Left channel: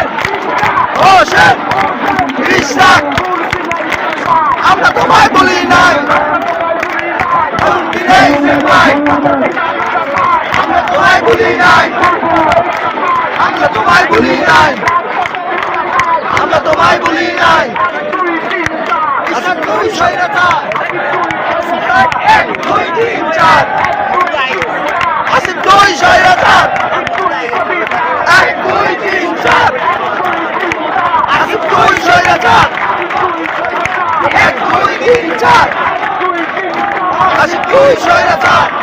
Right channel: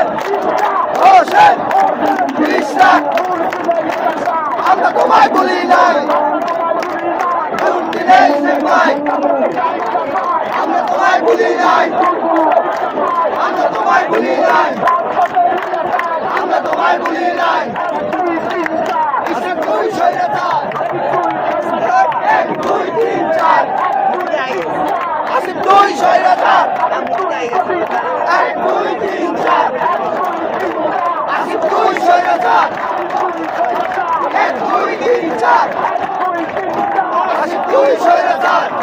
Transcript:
হোসেন হোসেন খ্রিস্টান আমরা তোমায় বলি নাই আমরা তোমায় বলি নাই আমরা তোমায় বলি নাই আমরা তোমায় বলি নাই দুই স্বৈরাচার 1 2 3 4 আসিফ দুই স্বৈরাচার 1 2 3 4 আসিফ দুই স্বৈরাচার 1 2 3 4 আসিফ দুই স্বৈরাচার